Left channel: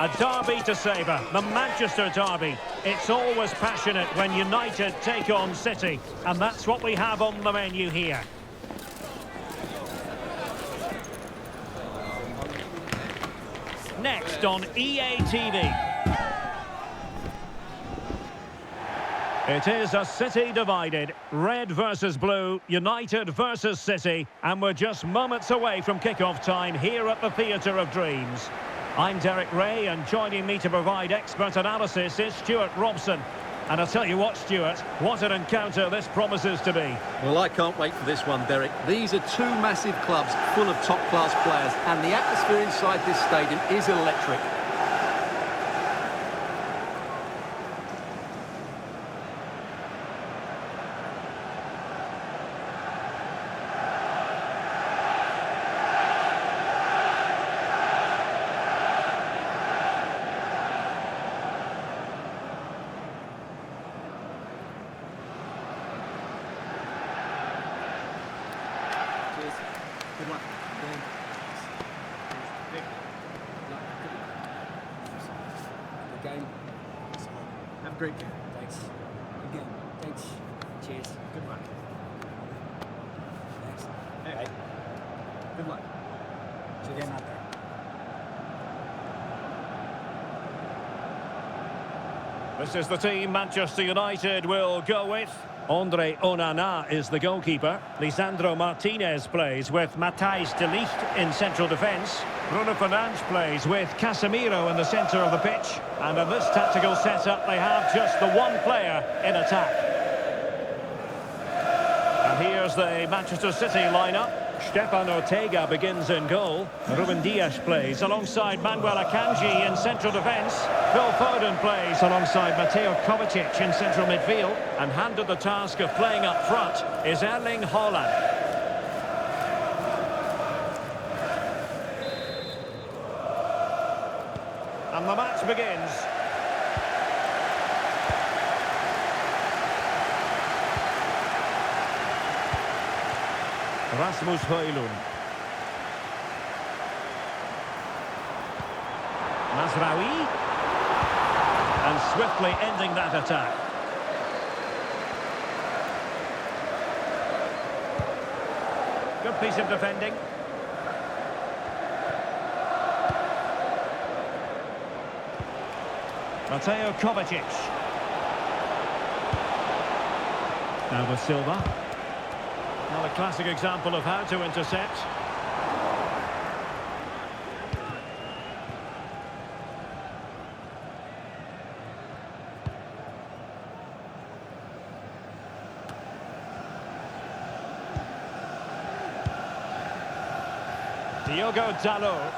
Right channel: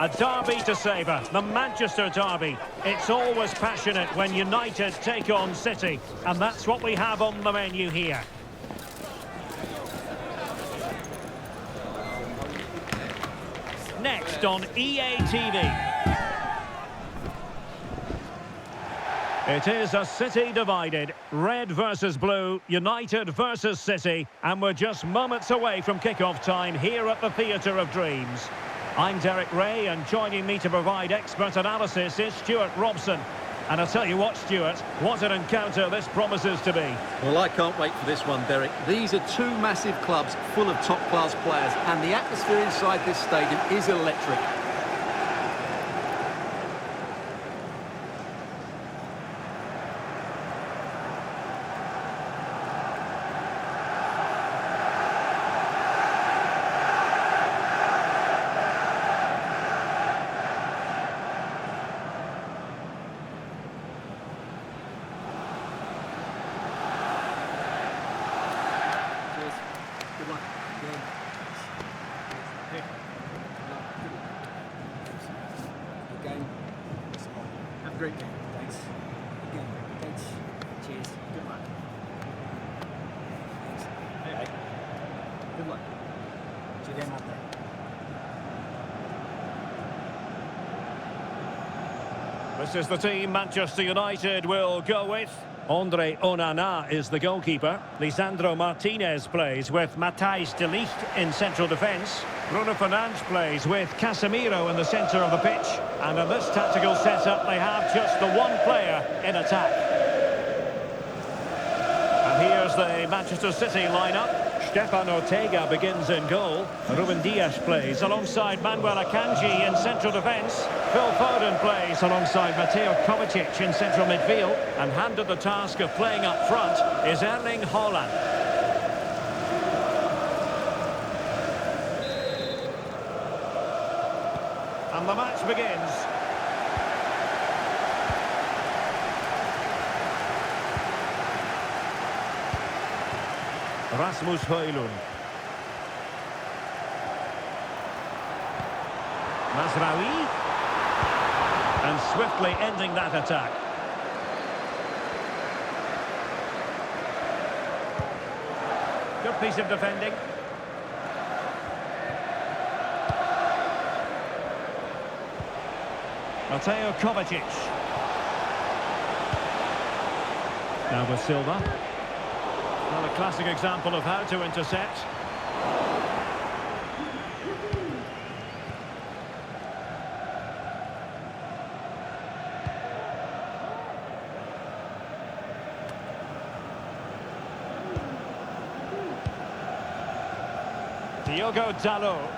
A derby to savour, the Manchester derby. It's always passionate when United take on City, and that's what we have on the menu here. Next on EA TV. It is a City divided, red versus blue, United versus City, and we're just moments away from kick-off time here at the Theatre of Dreams. I'm Derek Ray, and joining me to provide expert analysis is Stuart Robson. And I'll tell you what, Stuart, what an encounter this promises to be. Well, I can't wait for this one, Derek. These are two massive clubs full of top-class players, and the atmosphere inside this stadium is electric. Cheers. Good luck. Game. Good luck. Good luck. Good game. Have a great game. Thanks. Good game. Thanks. Cheers. Good luck. Thanks. Hey. Good luck. Cheers. Game out there. This is the team Manchester United will go with. Andre Onana is the goalkeeper. Lisandro Martinez plays with Matthijs de Ligt in central defence. Bruno Fernandes plays with Casemiro in the centre of the pitch. And in this tactical setup, they have just the one player in attack. And here's the Manchester City lineup. Stefan Ortega begins in goal. Ruben Dias plays alongside Manuel Akanji in central defence. Phil Foden plays alongside Mateo Kovacic in central midfield. And handed the task of playing up front is Erling Haaland. And the match begins. Rasmus Højlund. Mazraoui. And swiftly ending that attack. Good piece of defending. Mateo Kovacic. Now with Silva. Well, a classic example of how to intercept. Diogo Dalot.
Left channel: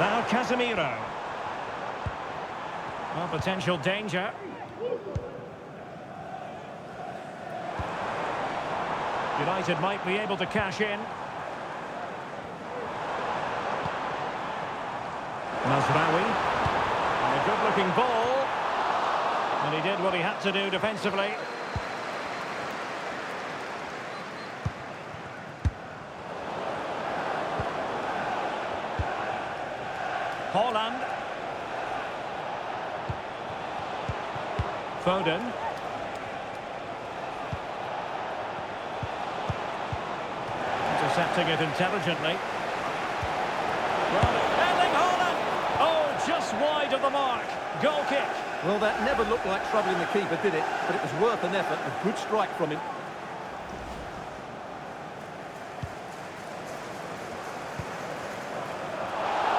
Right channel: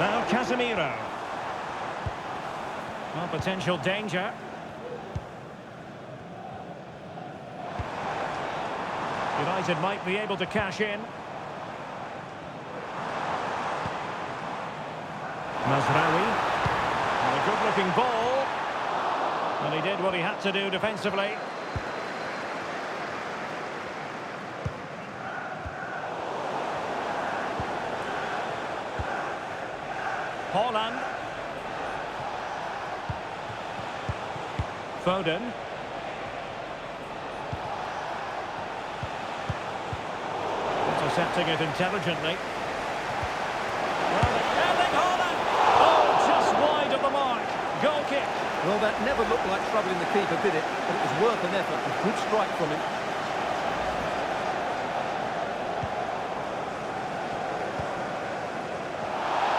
Now Casemiro. Well, potential danger. United might be able to cash in. Mazraoui. And a good-looking ball. And he did what he had to do defensively. Haaland. Foden. Intercepting it intelligently. Well, Erling Haaland! Oh, just wide of the mark. Goal kick. Well, that never looked like troubling the keeper, did it? But it was worth an effort. A good strike from him.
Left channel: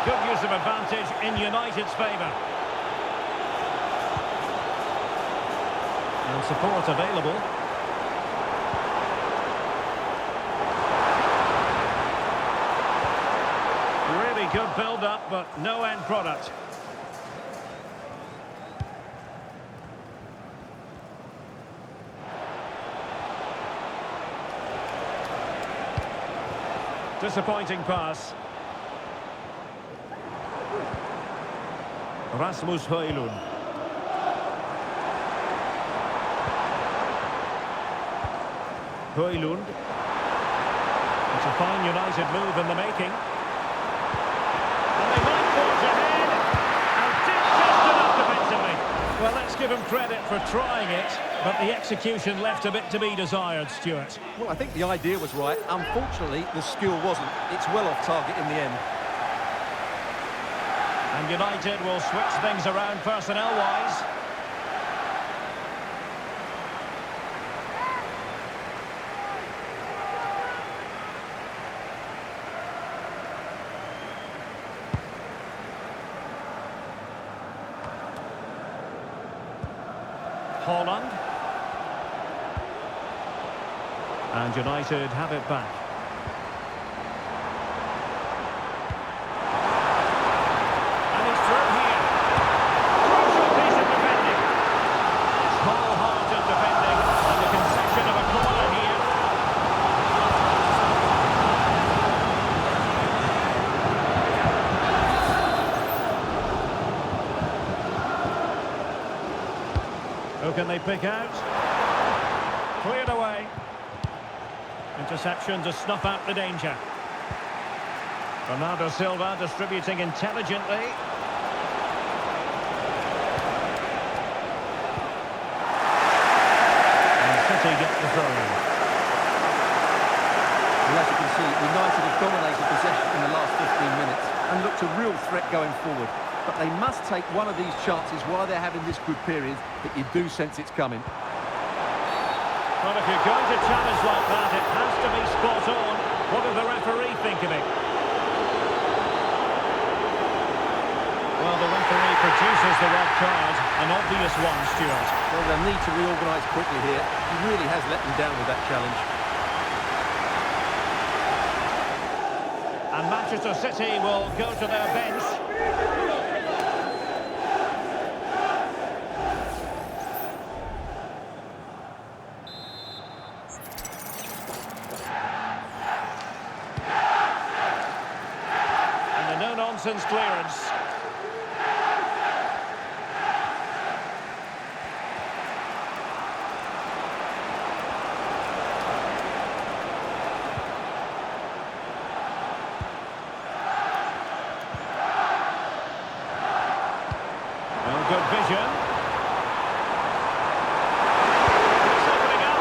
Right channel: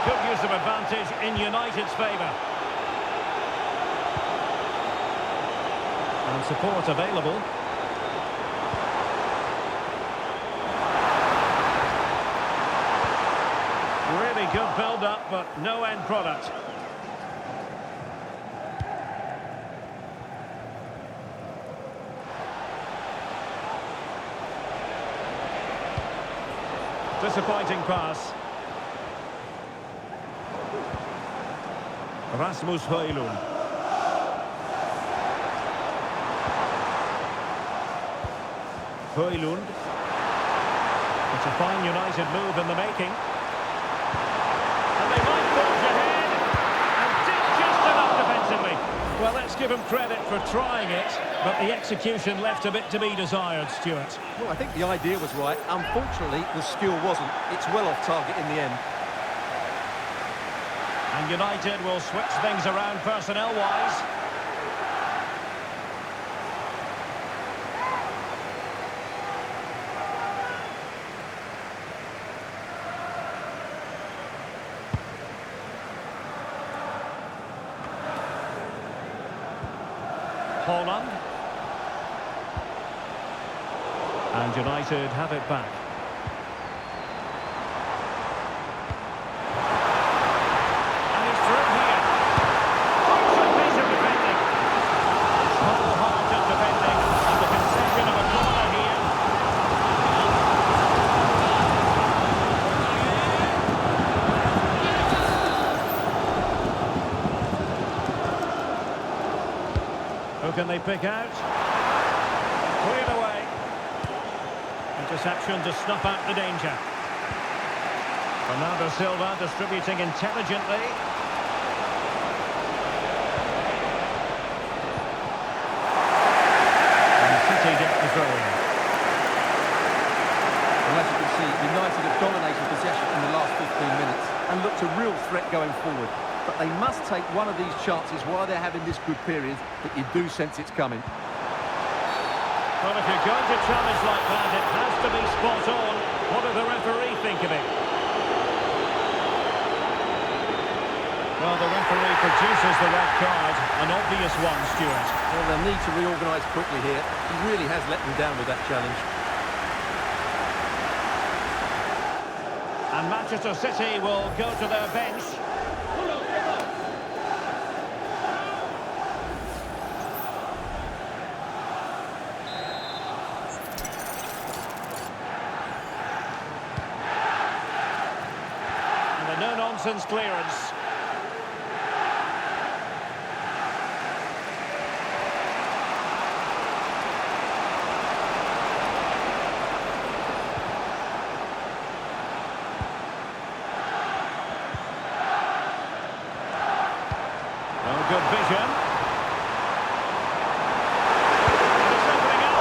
Good use of advantage in United's favour. And support available. Really good build-up, but no end product. Disappointing pass. Rasmus Højlund. Højlund. It's a fine United move in the making. Well, let's give him credit for trying it, but the execution left a bit to be desired, Stuart. Well, I think the idea was right. Unfortunately, the skill wasn't. It's well off target in the end. And United will switch things around personnel-wise. Holland. And United have it back. And he's through here. Crucial piece of defending. It's wholehearted defending. And the concession of a corner here. Who can they pick out? Cleared away. Interception to snuff out the danger. Bernardo Silva distributing intelligently. And City get the throw-in. Well, as you can see, United have dominated possession in the last 15 minutes and looked a real threat going forward. But they must take one of these chances while they're having this good period that you do sense it's coming. Well, if you're going to challenge like that, it has to be spot on. What does the referee think of it? Well, the referee produces the red card. An obvious one, Stuart. Well, they'll need to reorganise quickly here. He really has let them down with that challenge. And Manchester City will go to their bench. And a no-nonsense clearance. Oh, good vision. And it's opening up.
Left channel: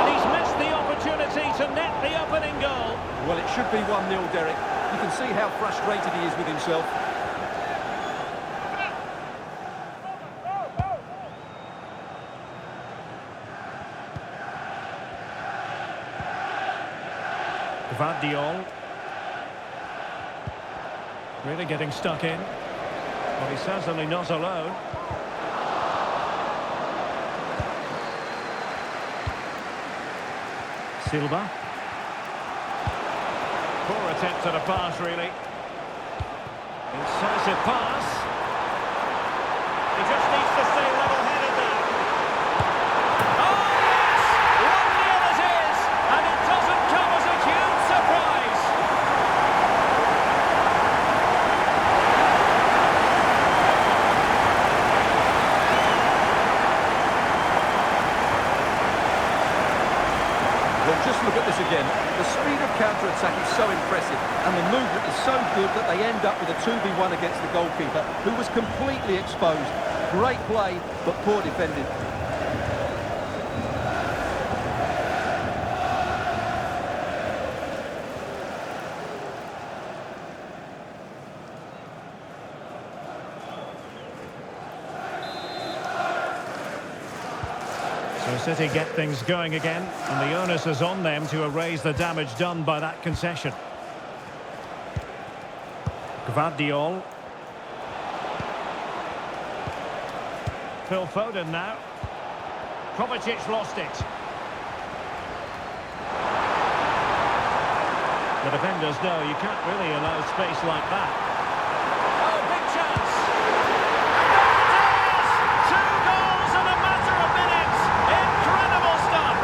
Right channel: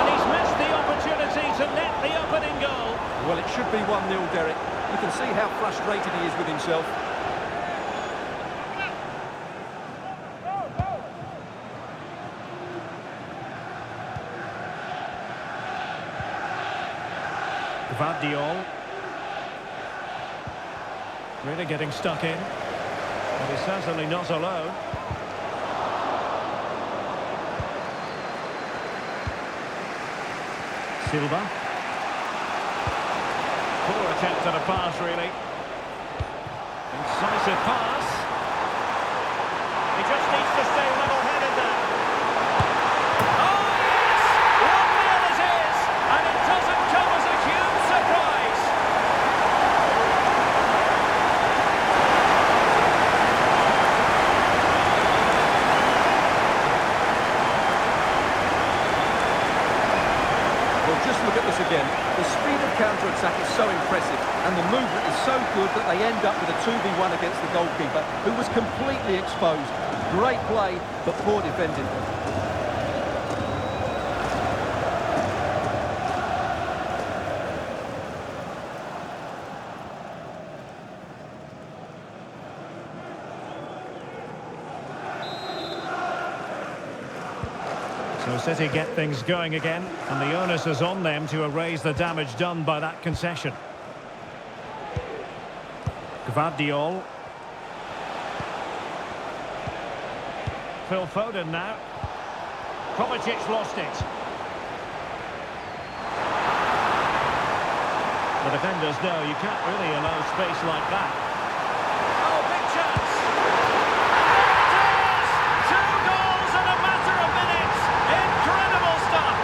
And he's missed the opportunity to net the opening goal. Well, it should be 1-0, Derek. You can see how frustrated he is with himself. Gvardiol. Really getting stuck in. But he's certainly not alone. Silva. Poor attempt at a pass, really. Incisive pass. He just needs to stay level-headed now. Oh, yes! 1-0 it is! And it doesn't come as a huge surprise. Well, just look at this again. The speed of counter-attack is so impressive, and the movement is so good that they end up with a 2v1 against the goalkeeper, who was completely exposed. Great play, but poor defending. So City get things going again, and the onus is on them to erase the damage done by that concession. Gvardiol. Phil Foden now. Kovacic lost it. The defenders know you can't really allow space like that. Oh, big chance! And there it is! 2 goals in a matter of minutes! Incredible stuff!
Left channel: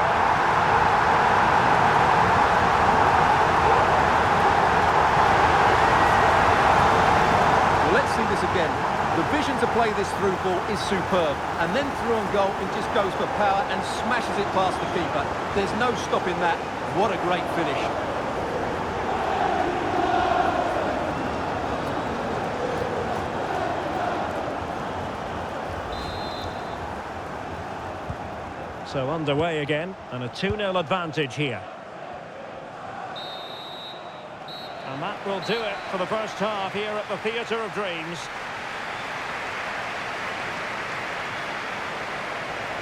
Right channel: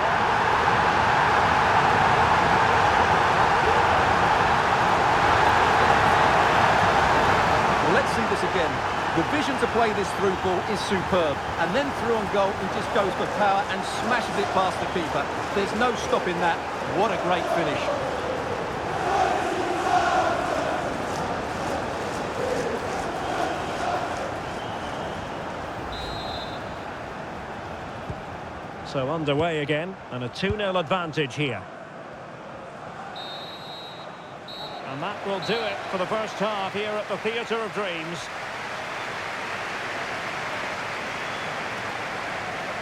Well, let's see this again. The vision to play this through ball is superb. And then through on goal, he just goes for power and smashes it past the keeper. There's no stopping that. What a great finish. So underway again, and a 2-0 advantage here. And that will do it for the first half here at the Theatre of Dreams.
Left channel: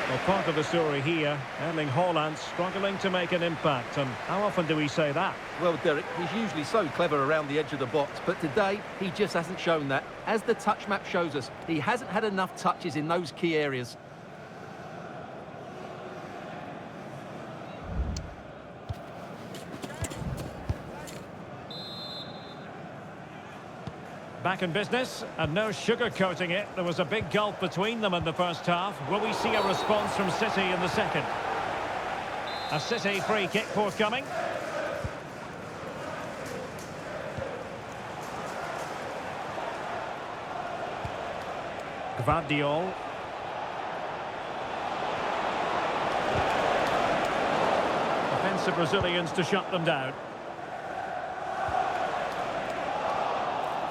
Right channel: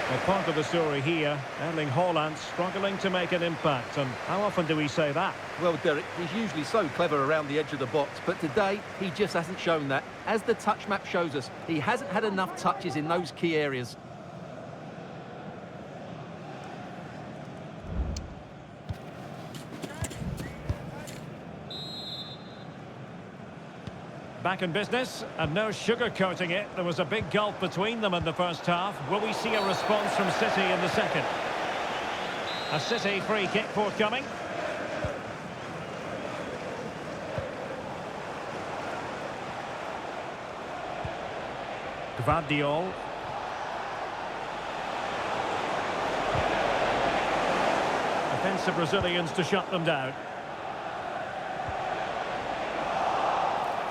Well, part of the story here, Erling Haaland struggling to make an impact. And how often do we say that? Well, Derek, he's usually so clever around the edge of the box, but today he just hasn't shown that. As the touch map shows us, he hasn't had enough touches in those key areas. Back in business, and no sugarcoating it. There was a big gulf between them in the first half. Will we see a response from City in the second? A City free kick forthcoming. Gvardiol. Defensive Brazilians to shut them down.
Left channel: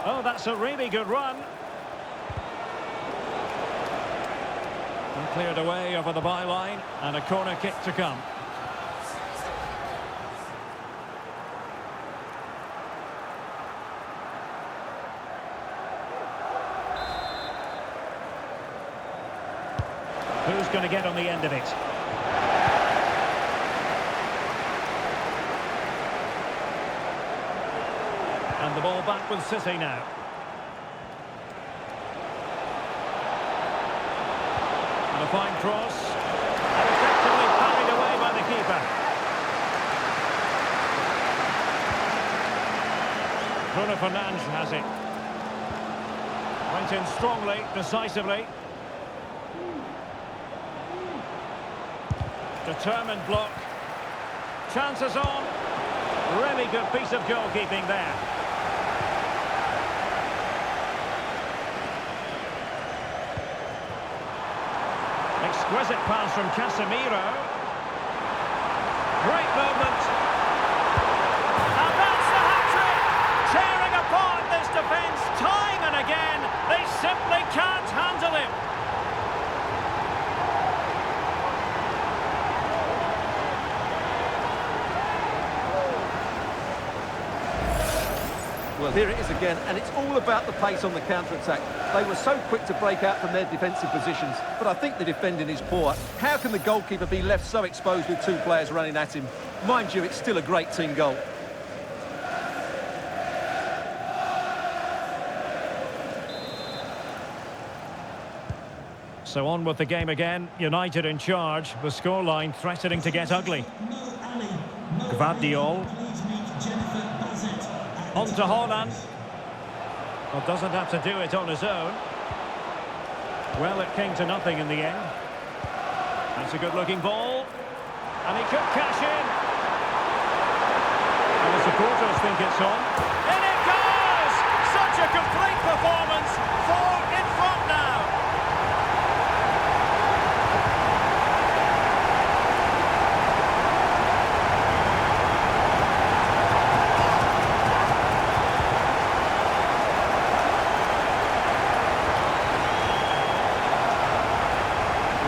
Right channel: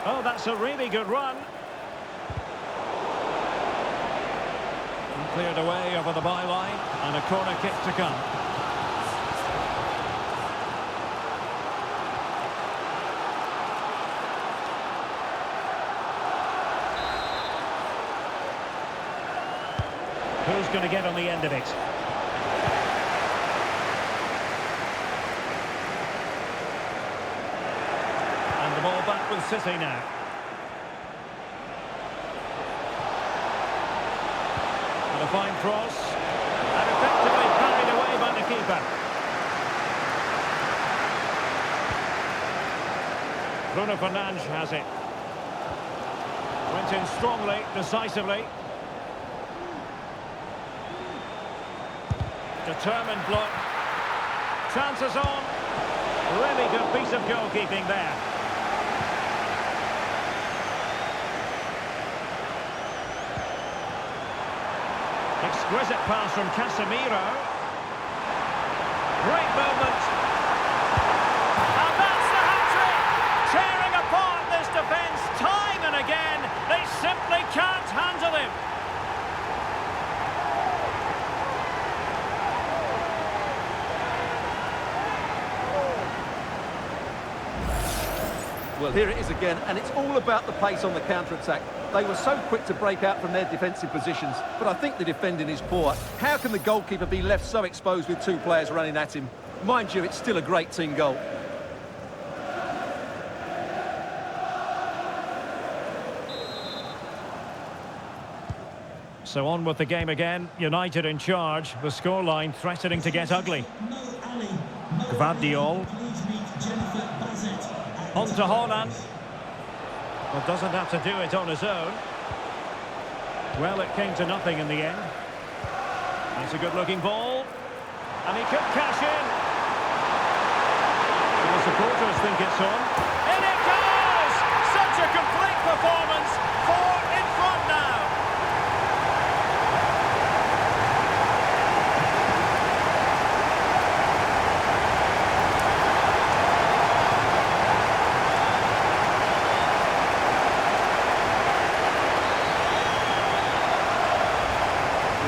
Oh, that's a really good run. And cleared away over the byline, and a corner kick to come. Who's going to get on the end of it? And the ball back with City now. And a fine cross. And effectively parried away by the keeper. Bruno Fernandes has it. Went in strongly, decisively. Determined block. Chances on. Really good piece of goalkeeping there. Exquisite pass from Casemiro. Great movement. And that's the hat-trick! Tearing apart this defence time and again. They simply can't handle him. Well, here it is again, and it's all about the pace on the counter-attack. They were so quick to break out from their defensive positions, but I think the defending is poor. How can the goalkeeper be left so exposed with two players running at him? Mind you, it's still a great team goal. So on with the game again. United in charge. The scoreline threatening to get ugly. Gvardiol. On to Haaland. Well, doesn't have to do it on his own. Well, it came to nothing in the end. That's a good-looking ball. And he could cash in. And the supporters think it's on. In it goes! Such a complete performance. 4 in front now.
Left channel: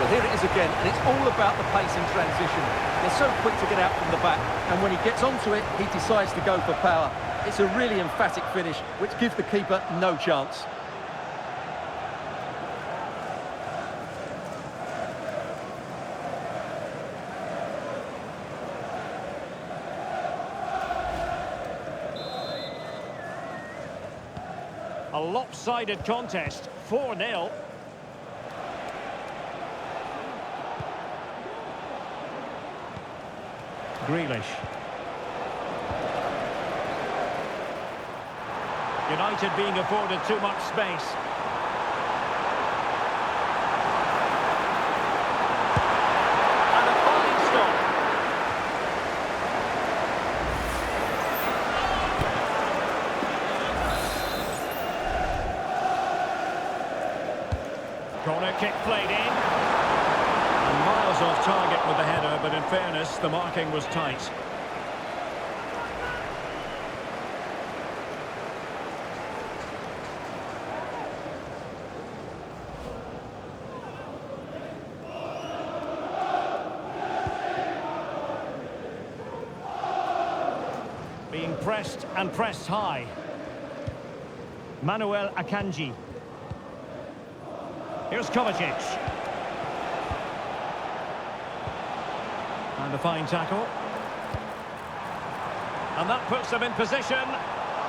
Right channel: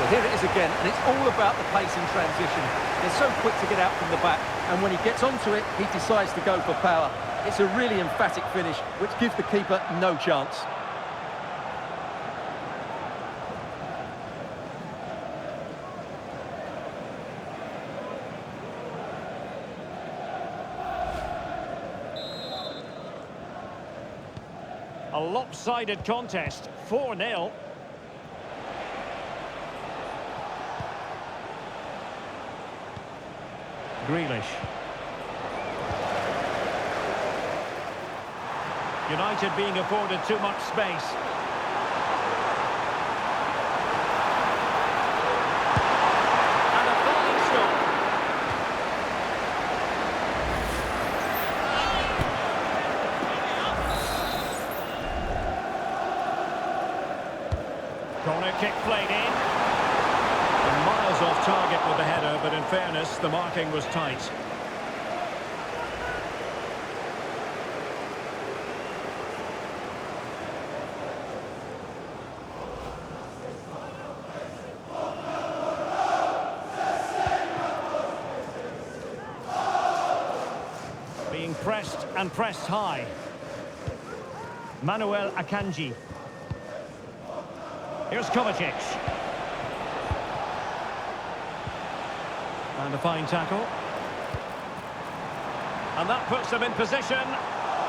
Well, here it is again, and it's all about the pace in transition. They're so quick to get out from the back, and when he gets onto it, he decides to go for power. It's a really emphatic finish, which gives the keeper no chance. A lopsided contest, 4-0. Grealish. United being afforded too much space. And a fine stop. Corner kick played in. And miles off target with the header, but in fairness, the marking was tight. Being pressed and pressed high. Manuel Akanji. Here's Kovacic. And a fine tackle. And that puts them in position.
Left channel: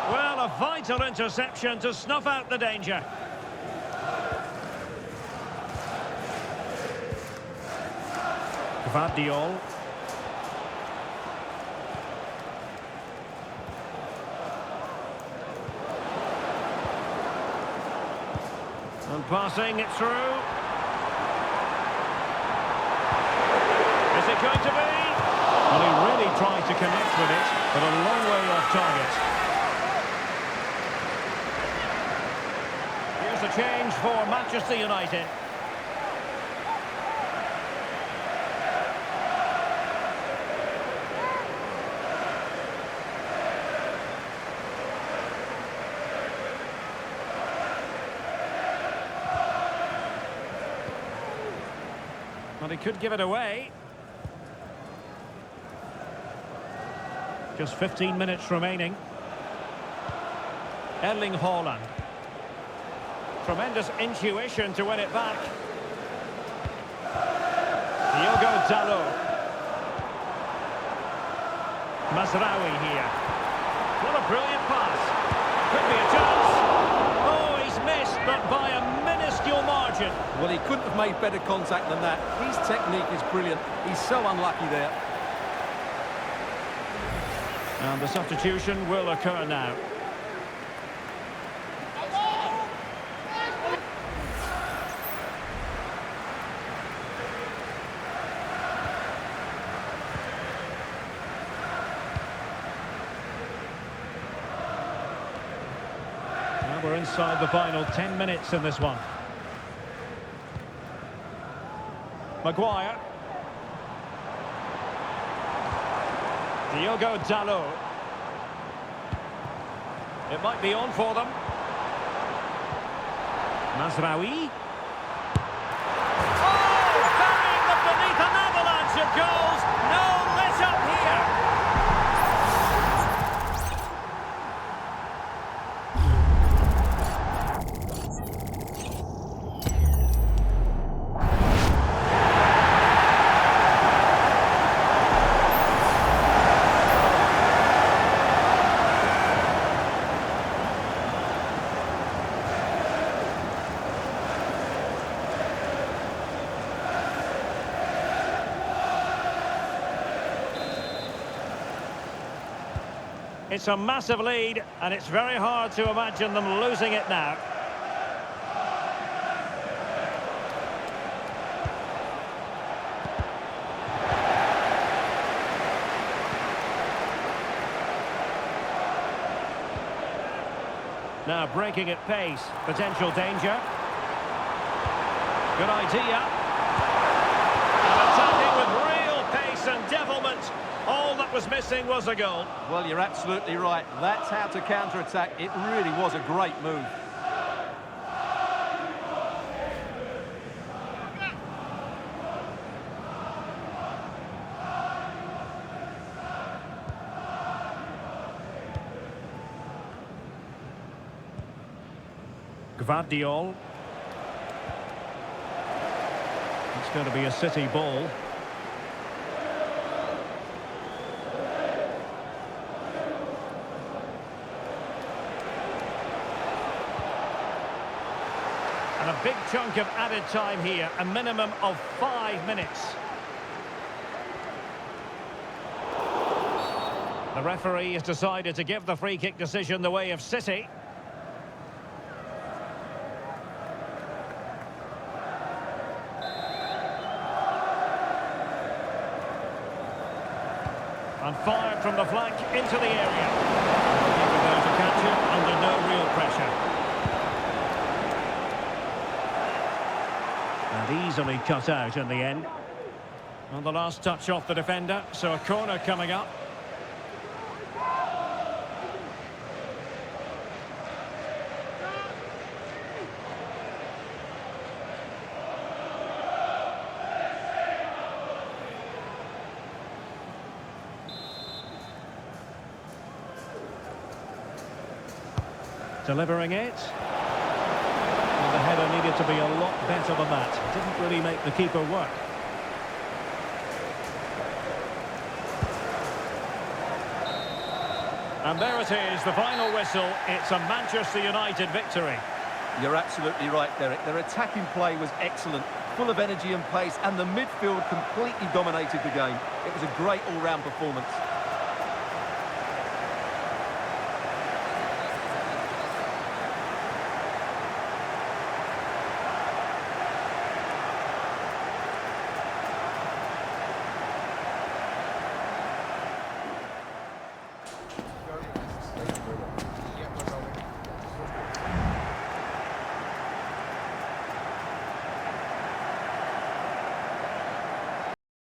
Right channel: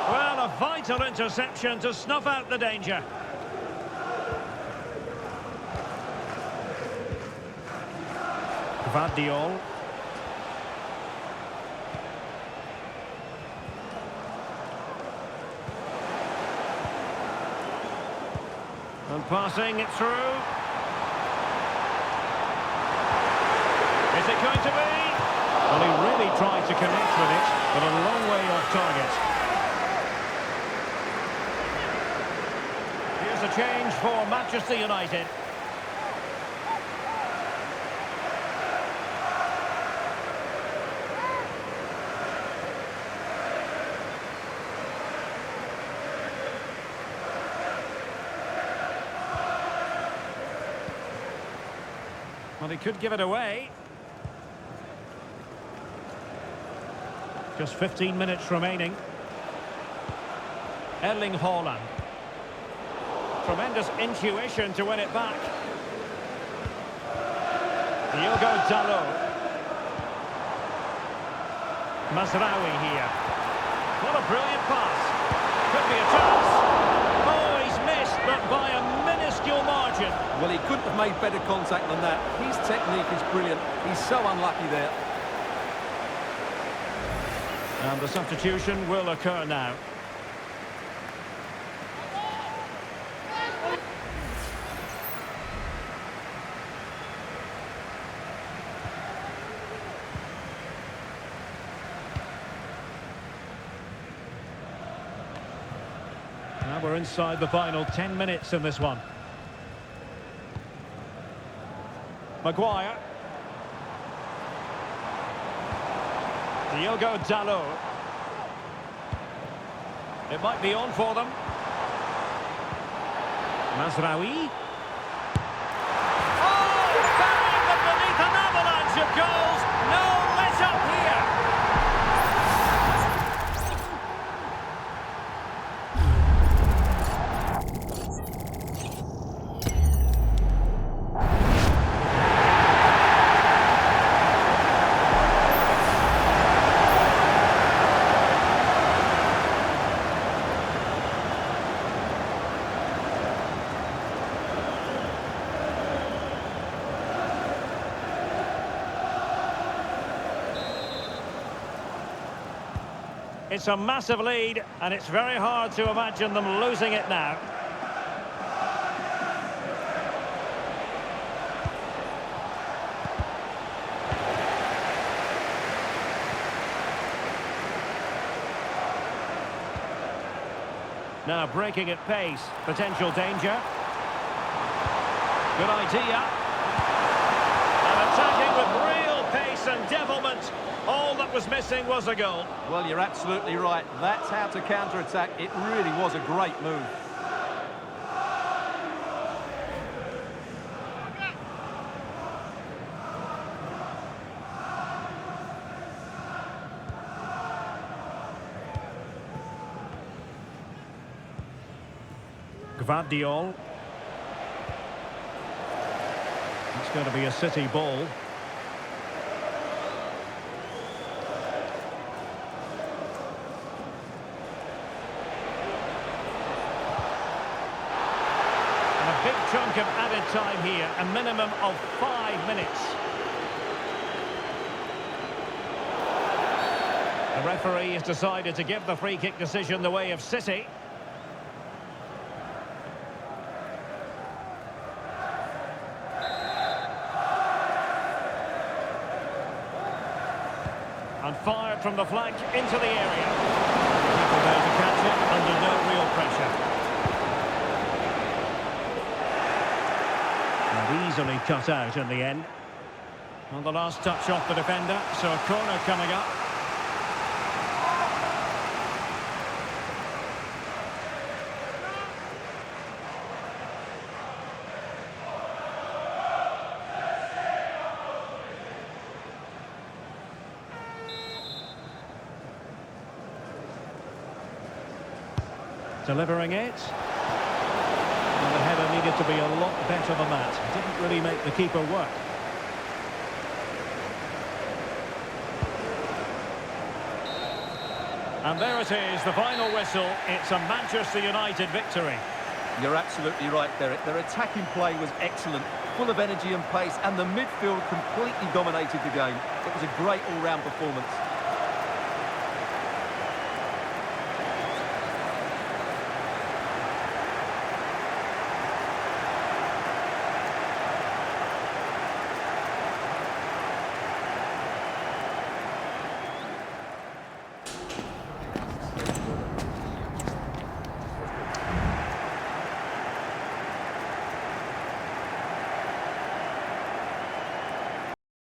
Well, a vital interception to snuff out the danger. Gvardiol. And passing it through. Is it going to be? Well, he really tried to connect with it, but a long way off target. Here's a change for Manchester United. Well, he could give it away. Just 15 minutes remaining. Erling Haaland. Tremendous intuition to win it back. Diogo Dalot. Mazraoui here. What a brilliant pass. Could be a chance. Oh, he's missed, but by a minuscule margin. Well, he couldn't have made better contact than that. His technique is brilliant. He's so unlucky there. And the substitution will occur now. Now we're inside the final 10 minutes in this one. Maguire. Diogo Dalot. It might be on for them. Mazraoui. Oh, burying them beneath an avalanche of goals. No let up here. It's a massive lead, and it's very hard to imagine them losing it now. Now breaking at pace, potential danger. Good idea. And attacking with real pace and devilment. All that was missing was a goal. Well, you're absolutely right. That's how to counter-attack. It really was a great move. Gvardiol. It's going to be a City ball. And a big chunk of added time here, a minimum of 5 minutes. The referee has decided to give the free kick decision the way of City. And fired from the flank into the area. The keeper there to catch it under no real pressure. And easily cut out in the end. On the last touch off the defender, so a corner coming up. Delivering it. Well, the header needed to be a lot better than that. Didn't really make the keeper work. And there it is, the final whistle. It's a Manchester United victory. You're absolutely right, Derek. Their attacking play was excellent, full of energy and pace, and the midfield completely dominated the game. It was a great all-round performance.